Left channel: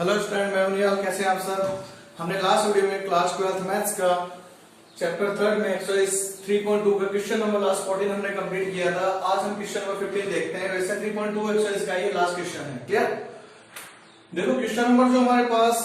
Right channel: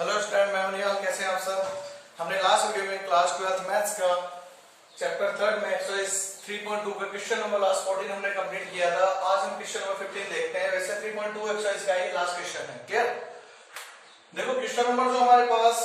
Hello student, मैं निहाल। कैसे हैं आप सब। हमने लास्ट वीडियो में क्लास 12 मैथ्स का चैप्टर 3 में एक्सरसाइज 3.2 का क्वेश्चन नंबर लास्ट 14 हमने कंप्लीट किया था। आज हम क्वेश्चन नंबर 15 देखते हैं। वैसे 3.2 एक्सरसाइज का ये लास्ट क्वेश्चन है। क्लियर। देखो क्वेश्चन नंबर जो हमारे पास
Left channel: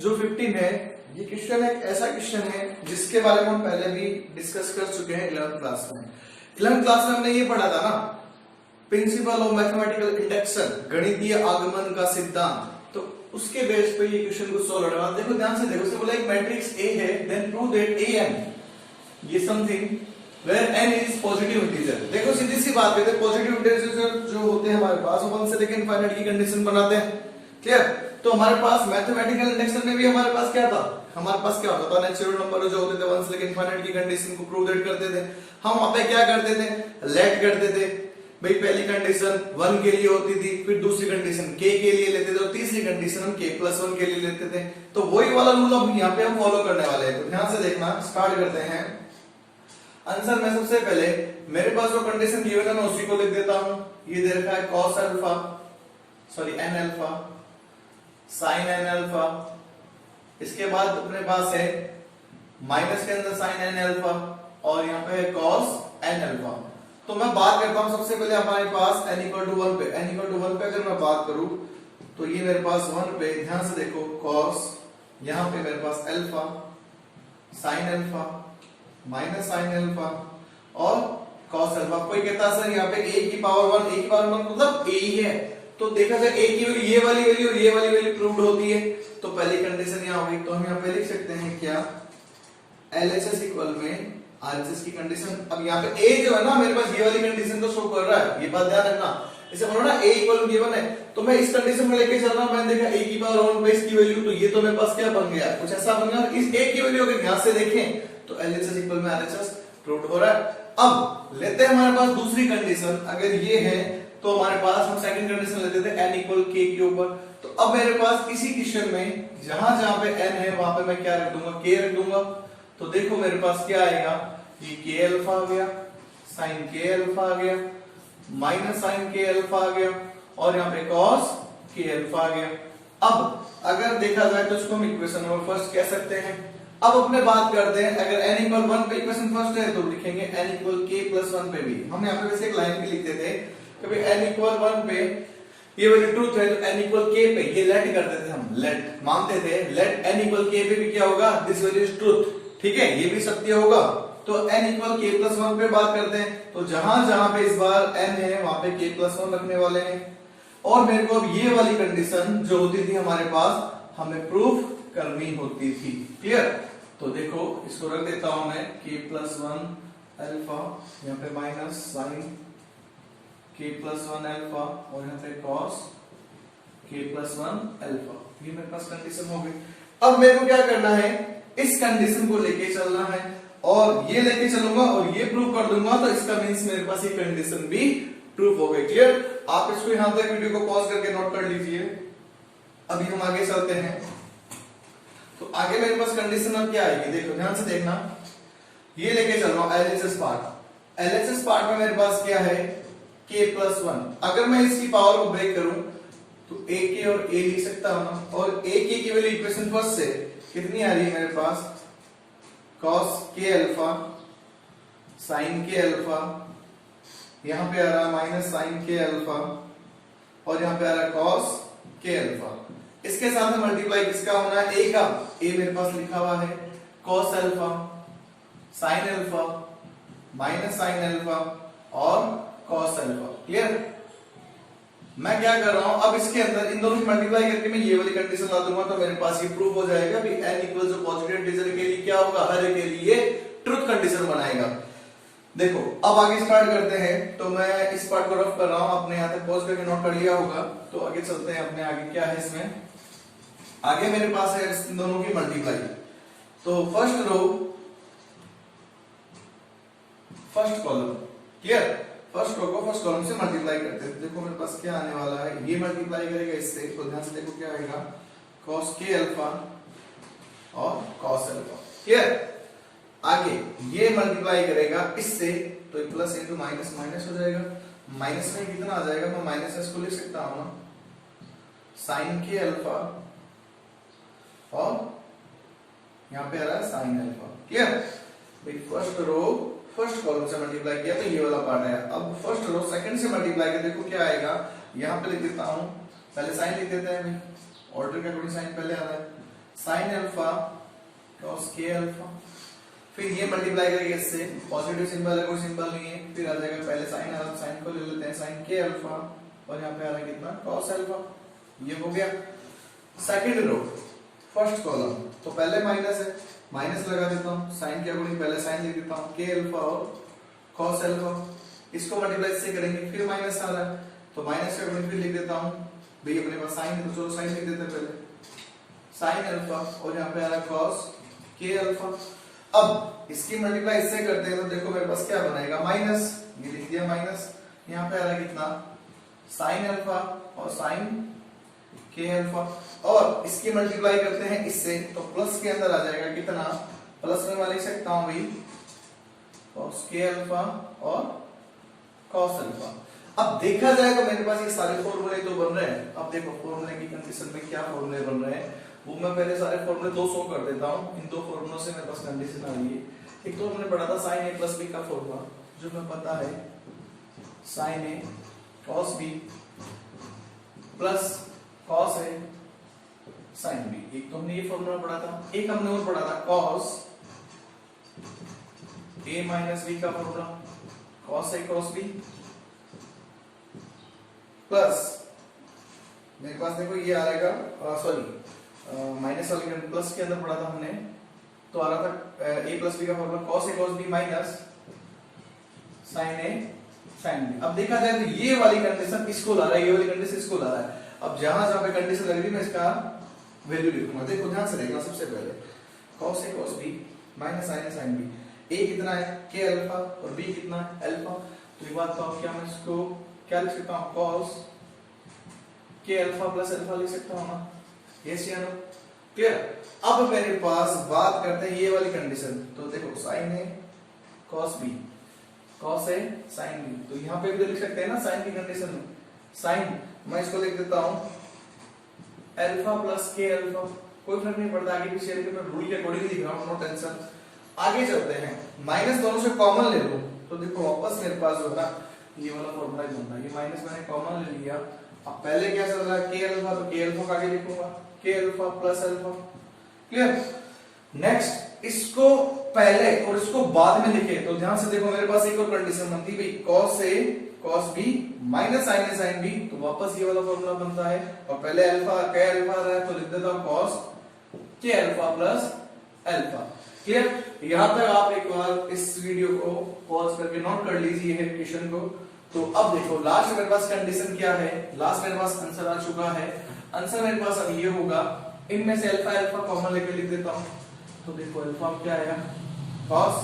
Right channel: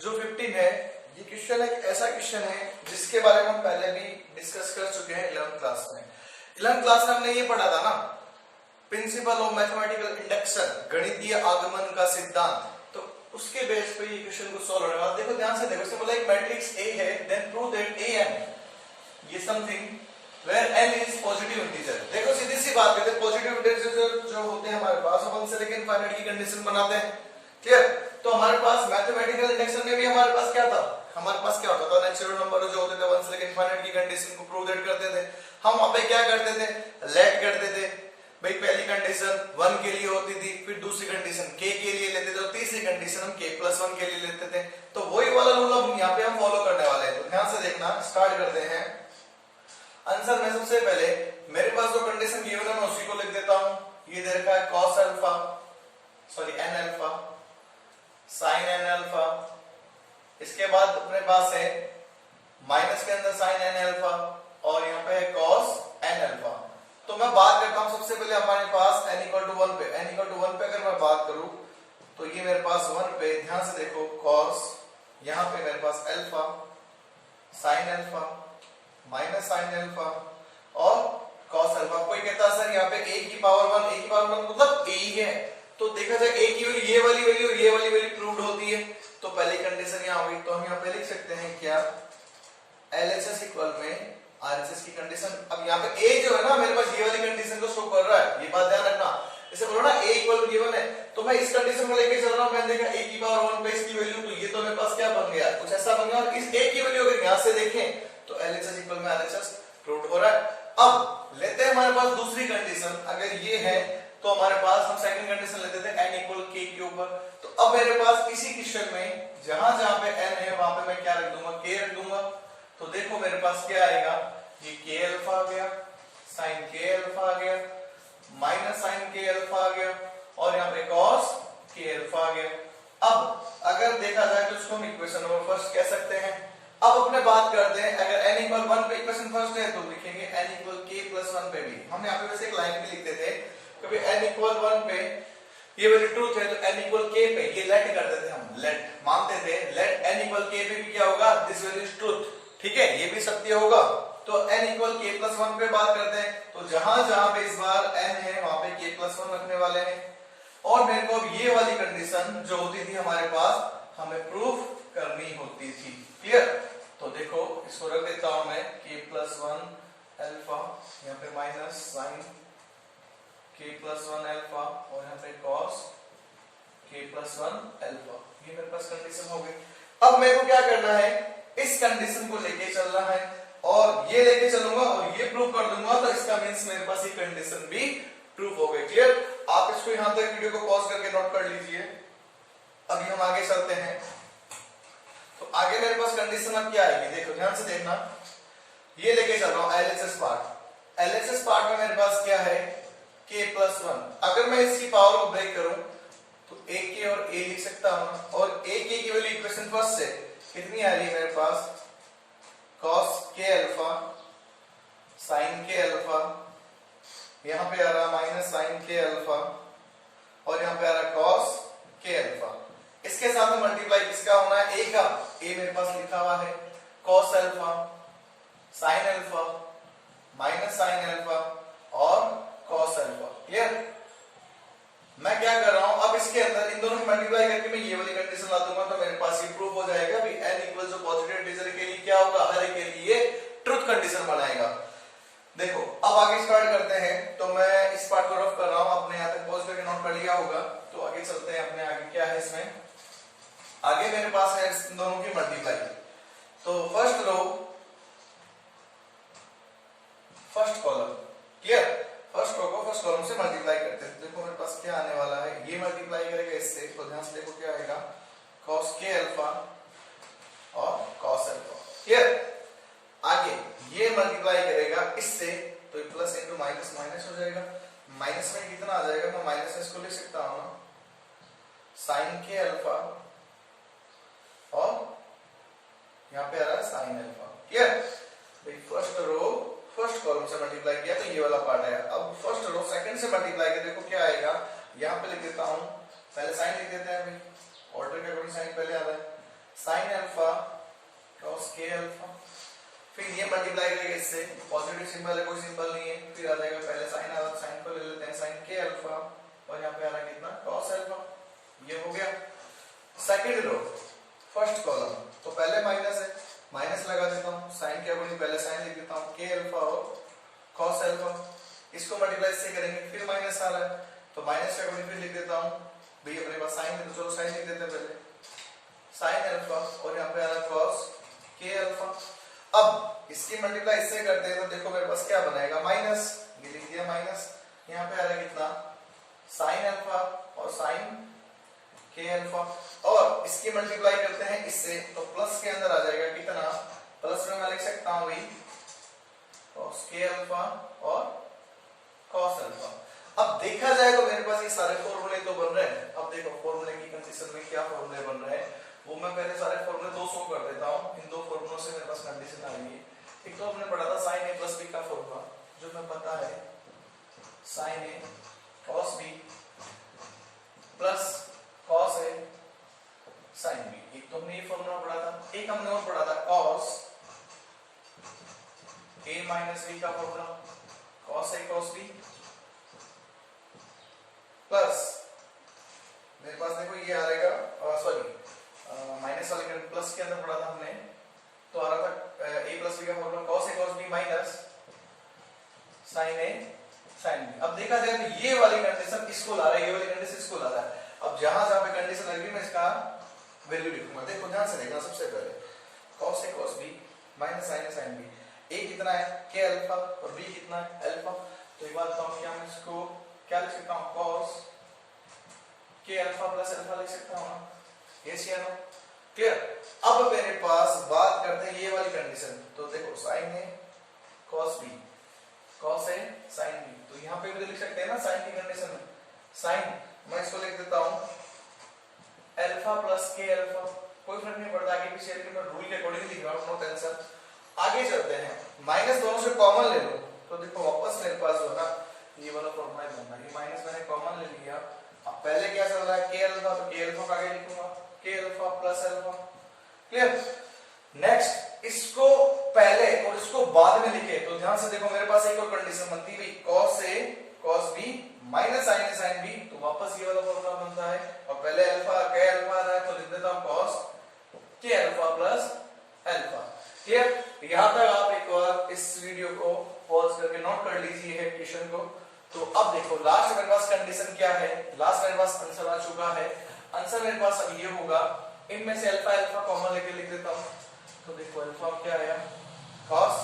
जो 15 है, ये क्वेश्चन एक ऐसा क्वेश्चन है जिसके बारे में हम पहले भी डिस्कस कर चुके हैं 11th क्लास में। 11th क्लास में हमने ये पढ़ा था ना, प्रिंसिपल ऑफ मैथमेटिकल इंडक्शन, गणितीय आगमन का सिद्धांत। तो उसके बेस पे ये क्वेश्चन को सॉल्व होने वाला। देखो ध्यान से देखो, इसमें बोला एक मैट्रिक्स ए है, देन प्रूव दैट an ये something where n is positive integer. देखो सीधी सी बात है, पॉजिटिव इंटीजर जो होते हैं हमारे पास 1 से लेकर इनफाइनाइट की कंडीशन बनाते हैं। क्लियर। तो हमारे पास मैथमेटिकल इंडक्शन में भी हमारे पास क्या था, हमारे पास क्या होता था, नेचुरल नंबर जो होते थे 1 से लेकर इनफाइनाइट की कंडीशन को प्रूव दैट करते थे। हम वहां पे क्या करते थे, लेट करते थे। भाई पहली कंडीशन 1 के लिए होती थी, फिर दूसरी कंडीशन k के लिए लेते थे और तीसरी कंडीशन हम k+1 के लिए लेते थे। तो वही वाला रूल अब यहाँ पे हम फॉलो करने वाले हैं। तो ध्यान से देखना, स्टार्ट करते हैं आंसर में। सबसे पहले मेरे पास जो कंडीशन गिवन है मैं उसी को लिख देता हूं। ये दे रखा है cos alpha, sorry n alpha, sin n alpha. इसके बाद अपने पास है माइनस के अंदर sin n अल्फा और यहाँ पे है cos n अल्फा। तो मैं बात करता हूं सबसे पहले हमारे पास n = 1 पे। n = 1 पे अगर मैं बात करूं तो ये मेरे पास 1 पे, ध्यान से देखो, cos, यहां पे मेरे पास alpha, sin alpha, minus sin alpha और cos अल्फा। कोई कहता है सर यहाँ पे a की पावर 1, a की पावर 1 मतलब a ही है। तो देखा जाए a की वैल्यू, ये वाली वैल्यू और ये वाली वैल्यू प्रूव्ड होती है। तो पहली कंडीशन यहां होगी। तो हम यहाँ पे लिख सकते हैं क्या, LHS इक्वल में RHS की कंडीशन। अब यहाँ पे a जो है ना, मेरे पास ये वाली कंडीशन को शो कर रहा है, ये बात ध्यान रखना। इसे बोलो ना a इक्वल गिवन है, तो मैं इस कंडीशन में लेके चल रहा हूं। मैंने देखा a की पावर 1 पे इसकी वैल्यू, तो ये तो मेरे पास क्या बन गया, कुछ ऐसा बन गया। इस a की वैल्यू अगर यहां से देखें तो LHS इक्वल में RHS प्रूव्ड हो रहा है। अब लेते हैं हमारे पास दूसरी कंडीशन। अगर ये है तो हमारे पास हम सेकंड कंडीशन लेते थे n = k के ऊपर। तो अब मेरे पास इसी क्वेश्चन में जहां जहां पे n है वहां पे मैं क्या रख दूंगा, k रख दूंगा। तो देखो मेरे पास क्या आएगा, ये k अल्फा आ गया, sin k अल्फा आ गया, माइनस sin k अल्फा आ गया और यहाँ पे cos k अल्फा आ गया। अब अगर देखा जाए तो इसको हम इक्वेशन नंबर फर्स्ट कह सकते हैं। अब अपने बात करते हैं, अगर n = 1 पे इक्वेशन फर्स्ट है तो लिखेंगे n = k+1 पे भी। हम यहाँ पे वैसे एक लाइन भी लिखते थे, कभी n = 1 पे ये वाली ट्रूथ है तो n = k पे ये लेट करते थे, हम लेट मानते थे। लेट n = k पे भी क्या होगा, दिस वैल्यू इज ट्रूथ। ठीक है, ये भी सत्य होगा। तो n = k+1 पे बात करते हैं, तो जहां जहां पे इस बार n है वहां पे k+1 रखने वाले हैं। और मेरे को अब ये वाली कंडीशन जो होती थी हमारे पास, हमें प्रूफ करनी होती थी। क्लियर। तो देखो इसको रख देता हूं मैं, k+1 अल्फा, यहाँ पे माइनस sin k+1 अल्फा और यहाँ पे cos k+1 अल्फा। ये मेरे पास कंडीशन हो गई। अब मेरे को क्या करना है, इस कंडीशन को लेके चलना है और ये लेके चलूंगा और ये प्रूव कर दूंगा। तो इसका मींस मेरे पास ये कंडीशन भी प्रूव हो गई। क्लियर। आप इसको यहां तक वीडियो को पॉज करके नोट कर लीजिए। अभी हम आगे चलते हैं। तो आगे मेरे पास कंडीशन अब क्या आएगी, देखो ध्यान से देखना। ये लेके चल रहा हूं LHS पार्ट। LHS पार्ट में मेरे पास क्या है, k+1। अगर मैं इसकी पावर को ब्रेक करूं तो ak और a लिख सकता हूं और ak की वैल्यू इक्वेशन फर्स्ट से कितनी आ रही है मेरे पास, cos k alpha, sin k alpha, यहां पे आ रहा माइनस sin k अल्फा और यहां पे आ रहा cos k अल्फा। इसके साथ में मल्टीप्लाई किसका होना है, a का। a मेरे पास लिखा हुआ है cos alpha, sin alpha, minus sin alpha और cos अल्फा। क्लियर। मैं क्या कर रहा हूं, अब इसके अंदर इन दोनों को मल्टीप्लाई करके मैं ये वाली कंडीशन ला दूंगा। तो मेरे पास ये प्रूफ हो जाएगा कि n इक्वल जो पॉजिटिव इंटीजर के लिए क्या होगा, हर एक के लिए ट्रुथ कंडीशन बनाएगा। देखो अब आगे स्टार्ट करते हैं। तो मैं इस पार्ट को रफ कर रहा हूं, अपने यहां तक पॉज करके नोट कर लिया होगा। तो आगे चलते हैं अपने आगे क्या है इसमें। आगे मेरे पास है इन दोनों की मल्टीप्लाई। तो first row first column. Clear. First row को फर्स्ट कॉलम से मल्टीप्लाई करते हैं। देखो मेरे पास क्या आने वाला है, ये मल्टीप्लाई करेगा इससे। तो ध्यान से देखो क्या आएगा, cos k अल्फा और cos अल्फा। क्लियर। आगे ये मल्टीप्लाई करेगा इससे, तो प्लस इंटू माइनस माइनस हो जाएगा। माइनस में कितना आ जाएगा, मैं माइनस इसको लिख सकता हूं, sin k अल्फा और यहाँ पे आ रहा है साइन अल्फा। क्लियर? भाई फर्स्ट रो फर्स्ट कॉलम से मल्टीप्लाई किया तो ये वाला पार्ट है। अब फर्स्ट रो सेकंड से मल्टीप्लाई किया, देखो क्या आएगा, यहाँ पे लिख देता हूँ, पहले साइन लिख देते हैं भाई, ऑर्डर के अकॉर्डिंग साइन पहले आ रहा है, sine alpha cos k alpha, फिर ये मल्टीप्लाई करेंगे इससे, पॉजिटिव सिंबल है कोई सिंबल नहीं है, फिर आ जाएगा पहले साइन आ रहा, साइन को ले लेते हैं साइन k अल्फा, और यहाँ पे आ रहा है कितना cos अल्फा। ये हो गया सेकंड रो फर्स्ट कॉलम, तो पहले माइनस है, माइनस लगा देता हूँ, साइन के अकॉर्डिंग पहले साइन लिख देता हूँ k अल्फा और cos अल्फा, इसको मल्टीप्लाई से करेंगे, फिर माइनस आ रहा है तो माइनस के अकॉर्डिंग फिर लिख देता हूँ भाई, अपने पास साइन है तो चलो साइन लिख देते हैं पहले, साइन अल्फा, और यहाँ पे आ रहा है cos k अल्फा। अब इसकी मल्टीप्लाई इससे करते हैं तो देखो मेरे पास क्या बनेगा, माइनस, ये लिख दिया माइनस, यहाँ पे आ रहा है कितना साइन अल्फा और साइन k अल्फा, और इसकी मल्टीप्लाई करते हैं इससे तो प्लस के अंदर आ जाएगा कितना, प्लस में मैं लिख सकता हूँ भाई cos k अल्फा और cos अल्फा। अब देखा जाए तो मेरे पास ये सारे फॉर्मूले तो बन रहे हैं। अब देखो फॉर्मूले की कंडीशन में क्या फॉर्मूले बन रहे हैं, वो मैं पहले सारे फॉर्मूले दो शो कर देता हूँ। इन दो फॉर्मूलों से मेरे पास कंडीशन आ गई। एक तो हमने पढ़ा था साइन ए प्लस बी का फॉर्मूला, जो मैं पता है sine A cos b plus cos a sine b, एक तो हमने ये फॉर्मूला पढ़ा था। एक हमने और पढ़ा था cos a माइनस b का formula, cos a cos b plus मेरे पास देखो ये आ रहेगा, सॉरी माइनस वाले के प्लस के अंदर पढ़ा था हमने, तो आ रहा था a प्लस b का formula cos a cos b minus sin a sin b। अब देखा जाए तो ये वाली कंडीशन इसको ला रहा है, ये वाली कंडीशन इसको ला रहा है। अब जहां जहां पे कंडीशन लग रही है मैं इसका वैल्यू लिखूंगा, देखो ध्यान से देखना। सबसे पहले cos a cos b minus sin a sin b, a कितना है k अल्फा और b कितना है अल्फा, तो एक बात बताओ क्या मैं इसको क्या लिख सकता हूँ, cos k alpha plus alpha लिख सकता हूँ ना, ये सी नो क्लियर। अब मेरे पास बात करते हैं ये वाली कंडीशन, तो देखो sin a cos b cos a sin b, तो यहाँ पे भी तो लिख सकते हैं ना साइन की कंडीशन में, साइन मैं इसको लिख देता हूँ अल्फा प्लस k अल्फा, कोई फर्क नहीं पड़ता आगे पीछे, लेकिन मैं रूल के अकॉर्डिंग लिख रहा हूँ, नो टेंशन। आगे चलते हैं, माइनस दोनों से कॉमन ले लो, तो देखो वापस मेरे पास जो है ना ये वाला फॉर्मूला दूंगा, ये माइनस मैंने कॉमन ले लिया। अब पहले क्या चल रहा है k अल्फा, तो k अल्फा का आगे लिखूंगा k alpha plus alpha, clear. Next इसको पहले और इसको बाद में लिखे तो ध्यान से देखो मेरे पास एक और कंडीशन बनती है भाई, cos a cos b minus sin a sin b, तो वापस ये वाला फॉर्मूला बनता है, और पहले अल्फा k अल्फा रहा है तो लिख देता हूं cos k alpha plus alpha, clear. यहां तक आप एक बार इस वीडियो को पॉज करके नोट कर लीजिए है क्वेश्चन को। तो अब देखो लास्ट मेरे पास कंडीशन क्या है, लास्ट मेरे पास आंसर आ चुका है। आंसर मेरे पास अब ये होगा, इनमें से अल्फा अल्फा कॉमन लेके लिख देता हूं, तो देखो अल्फा क्या आया cos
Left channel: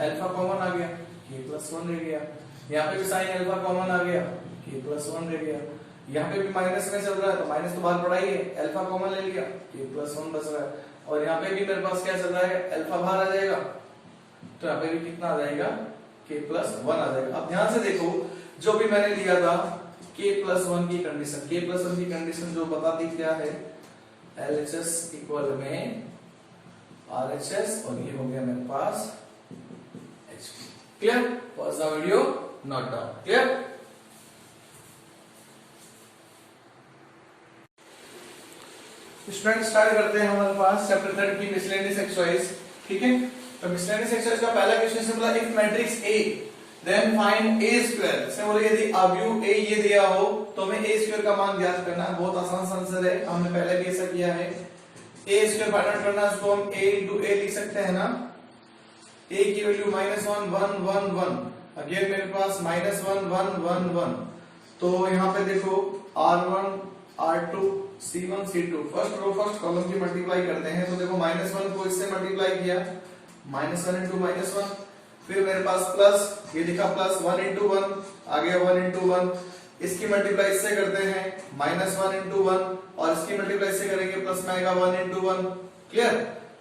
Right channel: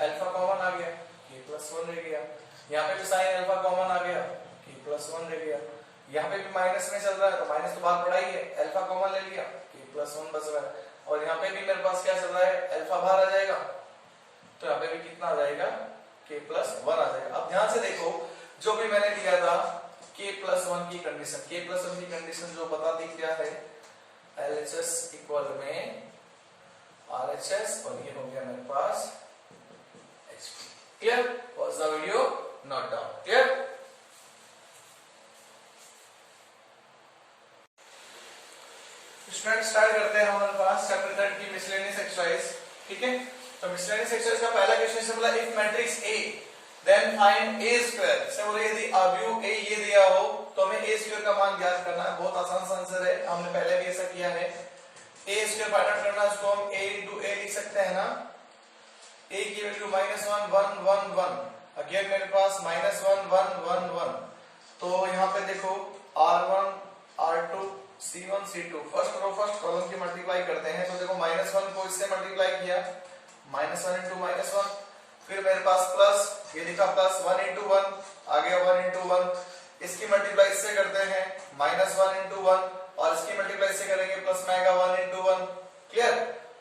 अल्फा कॉमन आ गया k प्लस 1 रह गया, यहाँ पे भी sin अल्फा कॉमन आ गया k प्लस 1 रह गया, यहाँ पे भी माइनस में चल रहा है तो माइनस तो बाहर पड़ा ही है, अल्फा कॉमन ले लिया k प्लस 1 बच रहा है, और यहाँ पे भी मेरे पास क्या चल रहा है अल्फा बाहर आ जाएगा, तो यहाँ पे भी कितना आ जाएगा k प्लस 1 आ जाएगा। अब ध्यान से देखो जो भी मैंने लिया था k प्लस 1 की कंडीशन, k प्लस 1 की कंडीशन जो बताती क्या है LHS इक्वल में RHS, और ये हो गया मेरे पास HP, clear. Pause the video, note down, clear. Student start करते हैं हमारे पास चैप्टर 3 की मिसलेनियस एक्सरसाइज, ठीक है। तो मिसलेनियस एक्सरसाइज का पहला क्वेश्चन से बोला if matrix A then find a square, से बोले यदि अवयव a ये दिया हो तो हमें a स्क्वायर का मान ज्ञात करना है। बहुत आसान सा आंसर है, हमने पहले भी ऐसा किया है। a स्क्वायर फाइंड आउट करना है, उसको हम a into a लिख सकते हैं ना, a की वैल्यू -1 1 1 1, अगेन मेरे पास -1 1 1 1, तो यहाँ पे देखो r1 r2 c1 c2, first row first column की मल्टीप्लाई करते हैं, तो देखो -1 को इससे मल्टीप्लाई किया, -1 into -1, फिर मेरे पास प्लस, ये लिखा प्लस 1 into 1 आ गया 1 into 1, इसकी मल्टीप्लाई इससे करते हैं -1 into 1, और इसकी मल्टीप्लाई इससे करेंगे प्लस में आएगा 1 into 1, क्लियर।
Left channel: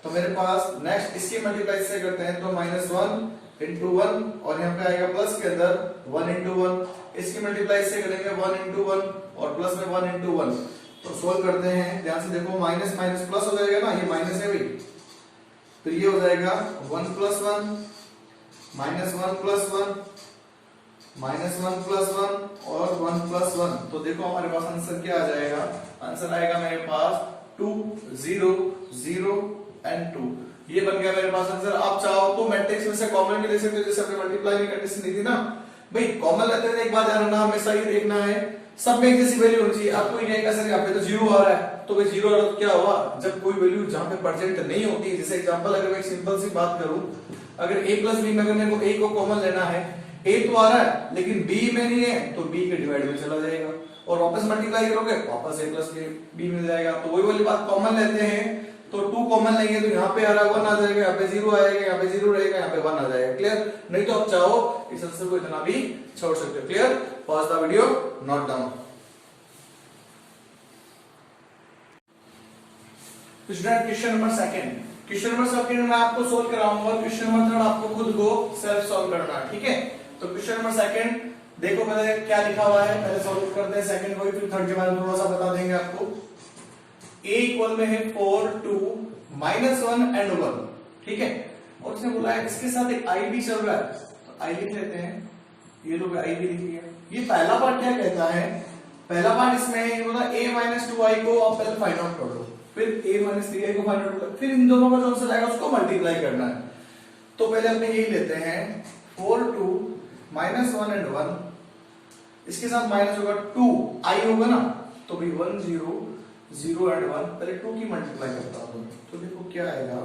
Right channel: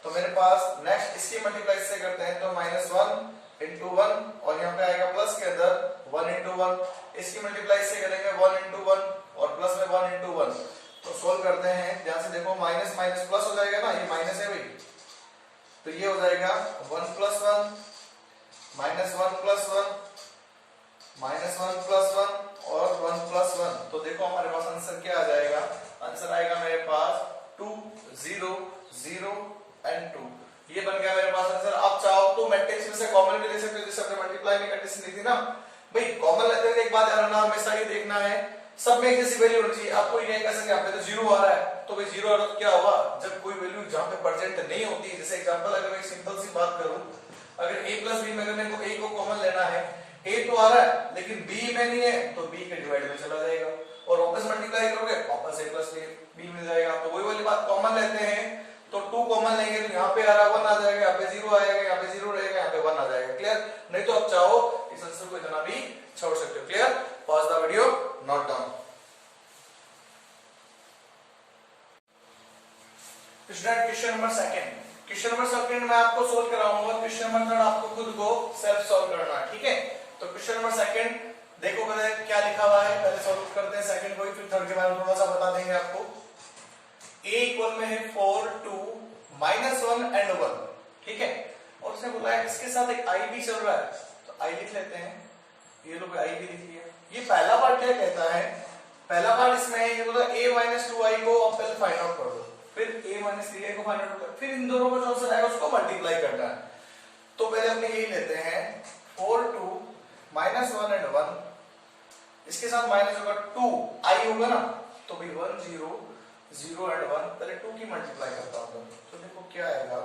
तो मेरे पास नेक्स्ट इसकी मल्टीप्लाई इससे करते हैं तो -1 into 1, और यहाँ पे आएगा प्लस के अंदर 1 into 1, इसकी मल्टीप्लाई इससे करेंगे 1 into 1 और प्लस में 1 into 1, तो सोल्व करते हैं, ध्यान से देखो, माइनस माइनस प्लस हो जाएगा ना, ये माइनस है भाई, तो ये हो जाएगा 1 + 1 -1 + 1 -1 + 1 और 1 + 1। तो देखो हमारे पास आंसर क्या आ जाएगा, आंसर आएगा मेरे पास 2 0 0 एंड 2। ये बन गया मेरे पास आंसर। आप चाहो तो मैट्रिक्स में से कॉमन भी ले सकते हो, जैसे हमने मल्टीप्लाई की कंडीशन दी थी ना भाई, कॉमन लेते हैं एक बात ध्यान रखना, हमेशा ये देखना है सब में एक जैसी वैल्यू होनी चाहिए। आपको ये कह सकते हैं यहाँ पे तो 0 आ रहा है, तो भाई 0 आ रहा है तो क्या हुआ, जब कोई वैल्यू जहां पे प्रेजेंट नहीं होती, जैसे एग्जांपल अगर मैं एक सिंपल सी बात करूं, अगर a + b में अगर मेरे को a को कॉमन लेना है, a तो आ रहा है लेकिन b में नहीं है, तो b के डिवाइड में चला जाएगा और वापस मल्टीप्लाई करोगे वापस a + b मिल जाएगा। तो वही वाली बात, कॉमन लेते हैं तो 2 कॉमन लेंगे तो यहाँ पे आ रहा है 1 आ जाएगा, यहाँ पे 0 आएगा, यहाँ पे 0 रहेगा, यहाँ पे 1 आ जाएगा। क्लियर? नहीं तो आप चाहो इस आंसर को इतना भी छोड़ सकते हो। Clear? Pause the video, note down. Student question number second, question number second में आपको सोल्व कराऊंगा और क्वेश्चन नंबर थर्ड आपको खुद को सेल्फ सॉल्व करना है। ठीक है? तो क्वेश्चन नंबर सेकंड देखो पहले क्या लिखा हुआ है, पहले सॉल्व करते हैं सेकंड को, फिर थर्ड के बारे में थोड़ा सा बता देंगे आपको। a इक्वल में है 4 2 -1 एंड 1। ठीक है? और उसने बोला है इसके साथ एक i भी चल रहा है, तो i लिख लेते हैं, ये लोग i भी लिख लिया। ये पहला पार्ट क्या कहता है, पहला पार्ट इसमें है, ये बोला a - 2i को आप पहले फाइंड आउट कर दो, फिर a - 3i को फाइंड आउट कर, फिर इन दोनों में जो आंसर आएगा उसको मल्टीप्लाई करना है। तो पहले अपने यही लेते हैं 4 2 -1 एंड 1, इसके साथ माइनस होगा 2 i होगा ना, तो भाई 1 0 0 एंड 1, पहले 2 की मल्टीप्लाई करता हूं, तो देखो क्या आएगा,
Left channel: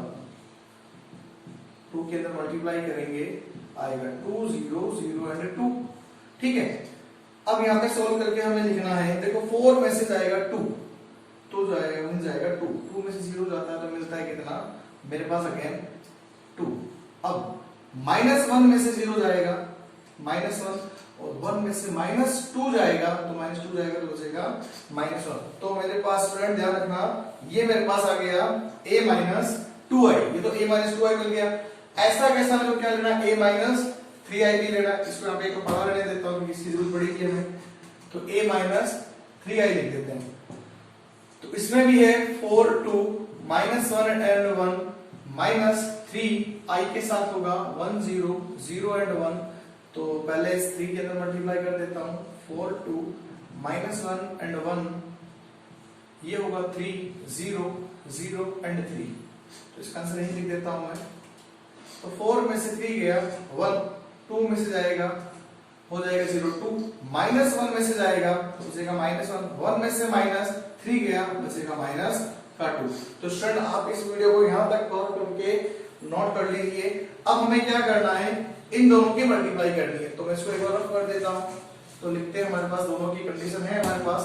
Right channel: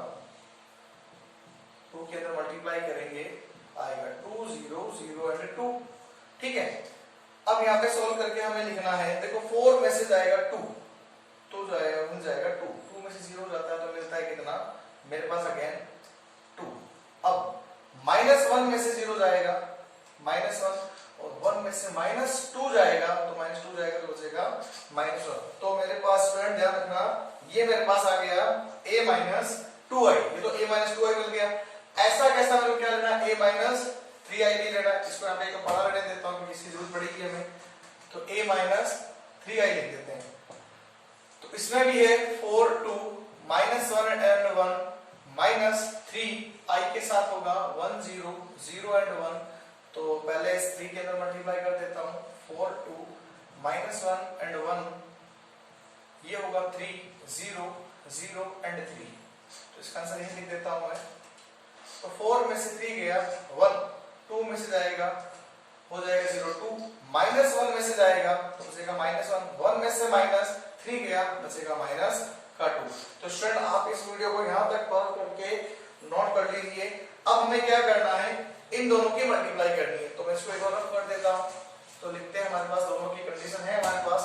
2 के अंदर मल्टीप्लाई करेंगे आएगा 2 0 0 एंड 2। ठीक है? अब यहाँ पे सोल्व करके हमें लिखना है, देखो 4 में से जाएगा 2, तो जाएगा मिल जाएगा 2, 2 में से 0 जाता है तो मिलता है कितना, मेरे पास अगेन 2। अब -1 में से 0 जाएगा -1 और 1 में से -2 जाएगा, तो -2 जाएगा तो बचेगा -1। तो मेरे पास स्टूडेंट ध्यान रखना, ये मेरे पास आ गया a - 2i, ये तो a - 2i मिल गया। ऐसा कैसा मेरे को क्या लेना, a - 3i भी लेना, इसको यहाँ पे एक पढ़ा लेने देता हूँ क्योंकि इसकी जरूरत पड़ेगी हमें, तो a - 3i लिख देते हैं। तो इसमें भी है 4 2 -1 एंड 1 -3i के साथ होगा 1 0 0 एंड 1, तो पहले इस 3 के अंदर मल्टीप्लाई कर देता हूं, 4 2 -1 एंड 1, ये होगा 3 0 0 एंड 3, तो इसका आंसर यही लिख देता हूं मैं। तो 4 में से 3 गया 1, 2 में से जाएगा हो जाएगा 0 2, -1 में से जाएगा तो बचेगा -1, 1 में से -3 गया बचेगा -2। तो स्टूडेंट आप इस वीडियो को यहां तक पॉज करके नोट कर लीजिए। अब हमें क्या करना है, इन दोनों की मल्टीप्लाई करनी है, तो मैं इसको एक बार रफ कर देता हूं। तो लिखते हैं, हमारे पास दोनों की कंडीशन है हमारे पास,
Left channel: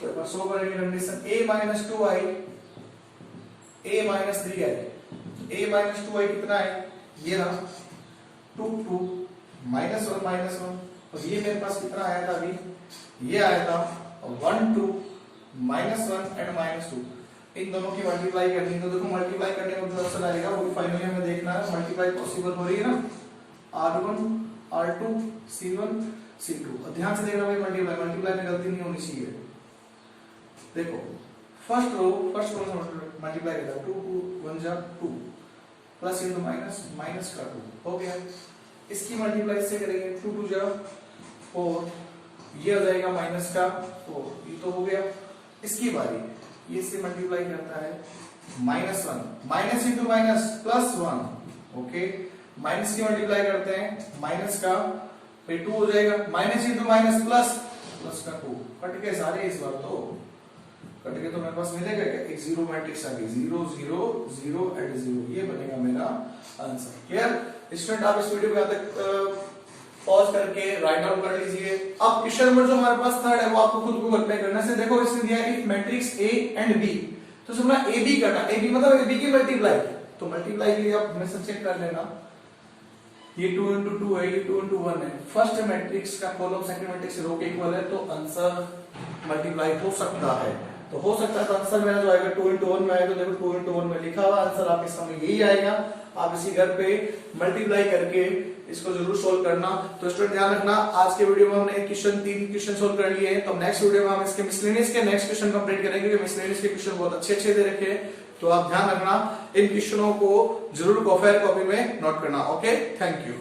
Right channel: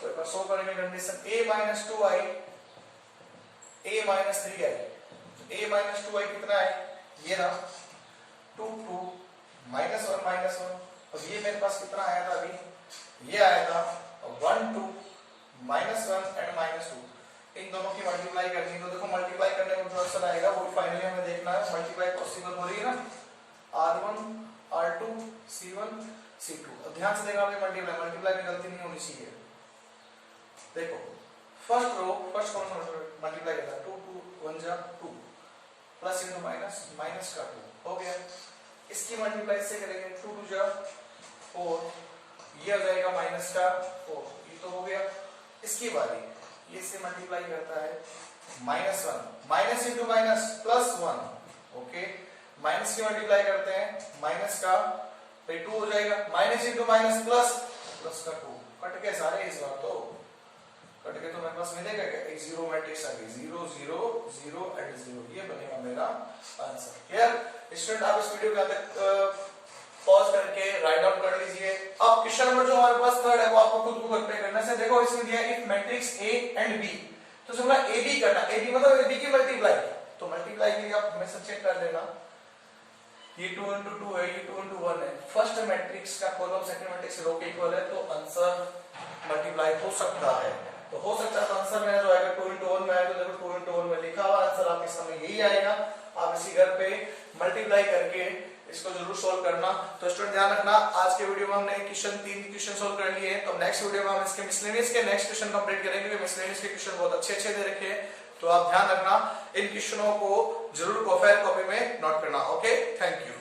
तो एक बार सो करेंगे condition a - 2i a - 3i, a - 2i कितना है, ये रहा 2 2 -1 और ये मेरे पास कितना आया था अभी, ये आया था 1 2 -1 एंड -2। इन दोनों की मल्टीप्लाई करनी है, तो देखो मल्टीप्लाई करने में जो आंसर आएगा वो फाइनली हमें देखना है, मल्टीप्लाई पॉसिबल हो रही है ना, r1 r2 c1 c2। और ध्यान से देखना भाई, मल्टीप्लाई में गलती नहीं होनी चाहिए। देखो फर्स्ट रो मल्टीप्लाई करता है 2 2 1 जा 2 प्लस इनटू माइनस का 2 हो गया। इसकी मल्टीप्लाई से करेंगे 2 2 जा 4, ये आ जाएगा माइनस का 4, ये तो हो गया। इसकी बारी, ये से मल्टीप्लाई करता है -1 minus into minus plus 1, okay, minus की मल्टीप्लाई करते हैं माइनस का, फिर 2 हो जाएगा, माइनस इंटू माइनस प्लस का 2, कट गए सारे इस बार, तो कट गए तो मेरे पास मिलेगा क्या, एक जीरो मैट्रिक्स आ गई, 0 0 0 एंड 0, ये बनेगा मेरा आंसर। क्लियर? स्टूडेंट आप इस वीडियो को यहाँ तक पॉज करके राइट डाउन कर लीजिए। अब क्वेश्चन नंबर जो हमारे पास थर्ड है वो आपको खुद को अप्लाई करना है। देखो इसमें दिया है if matrix A and B, तो समझना A B करना, A B मतलब B की मल्टीप्लाई, तो मल्टीप्लाई के लिए आप हमेशा चेक कर लेना, ये 2 into 2 है, ये 2 into 1 है, फर्स्ट मैट्रिक्स का कॉलम सेकंड मैट्रिक्स रो के इक्वल है, तो आंसर मल्टीप्लाई हो सकता है। तो हो सकता है तो आंसर मेरा जो आएगा 2 into 1 में आएगा, तो देखो 2 into 1 में लिखा हुआ आंसर आपके सामने यही आएगा। आप इसी घर पे मल्टीप्लाई करके इसको जरूर सोल्व करना। तो स्टूडेंट ध्यान रखना, आज के वीडियो में हमने तीन क्वेश्चन सोल्व कर लिए हैं। तो नेक्स्ट वीडियो में हम इसके मिसलेनियस के नेक्स्ट क्वेश्चन कंप्लीट करेंगे, क्योंकि मिसलेनियस के क्वेश्चन बहुत अच्छे दे रखे हैं। तो आप ध्यान रखना, इन क्वेश्चनों को जरूर कॉपी में नोट करना। Okay, thank you.